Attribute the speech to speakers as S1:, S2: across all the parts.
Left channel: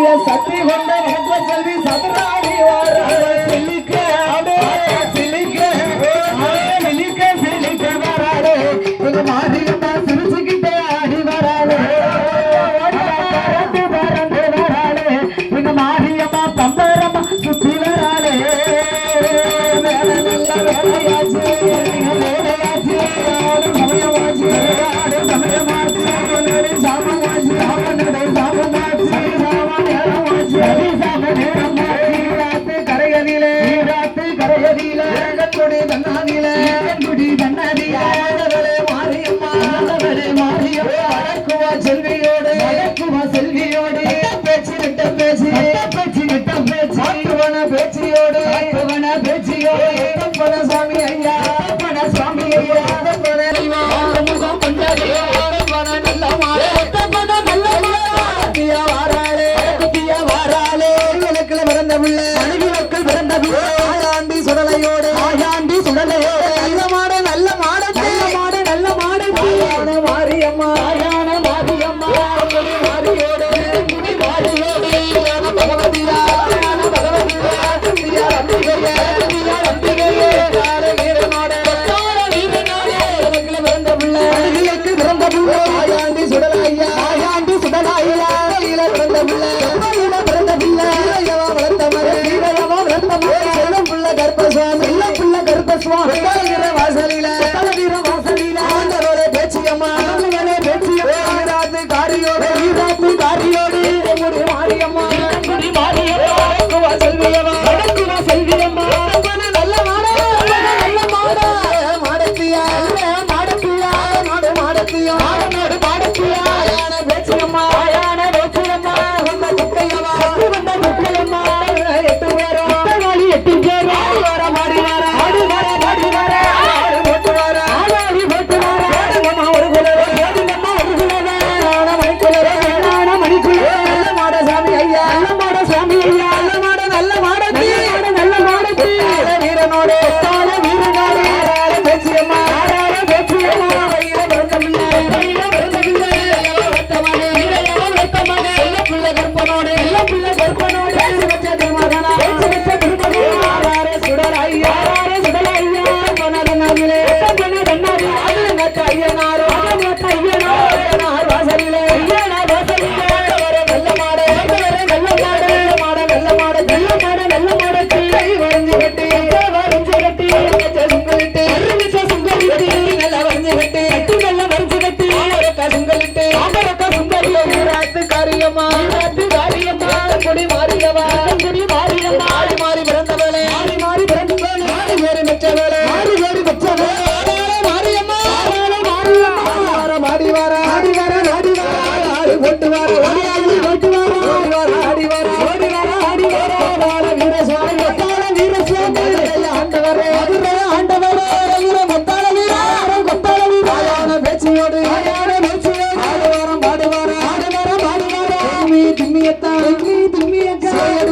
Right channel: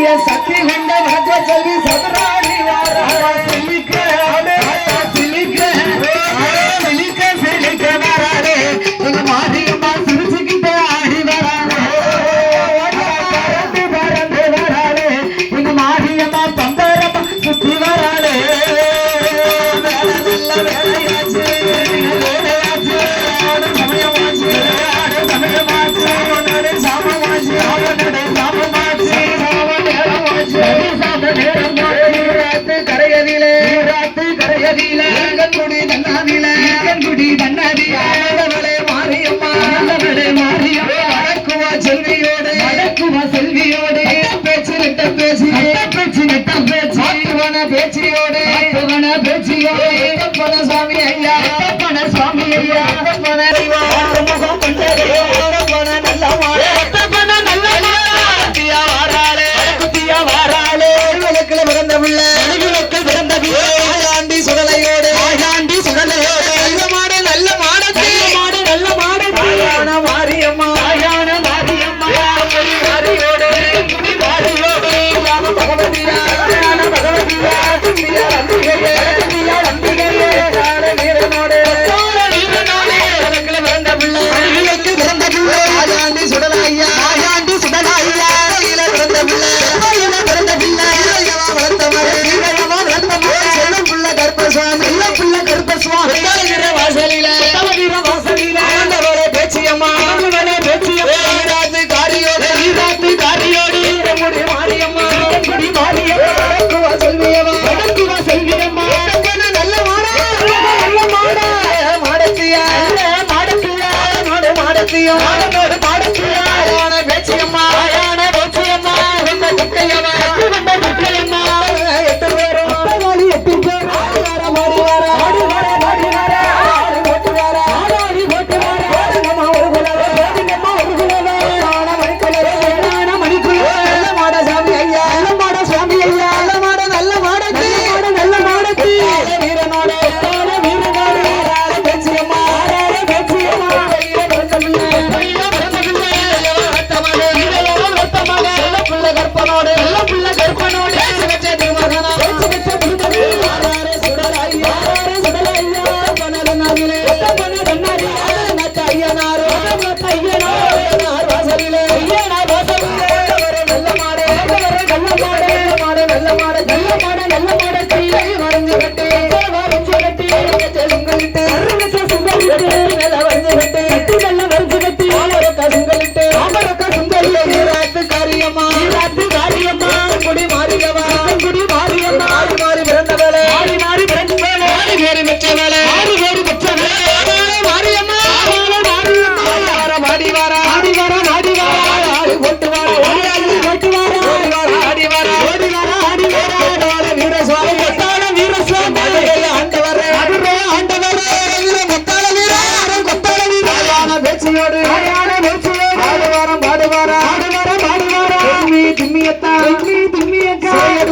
S1: सती भंडा भाग्य चली பேச்சு. நெட்ட பேச்சு நெட்ட பேச்சு. ஆற்றுவன பேச்சியோடு. ஆற்றுவன பேச்சியோடு. எட்டப்பன சுவாமி ஐயா. எட்டப்பன சுவாமி ஐயா. எட்டப்பன ஐயா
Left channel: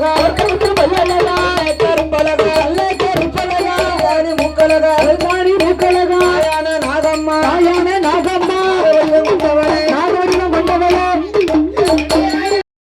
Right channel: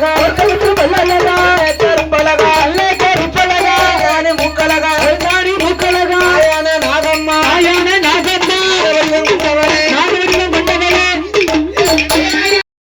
S1: Thank you.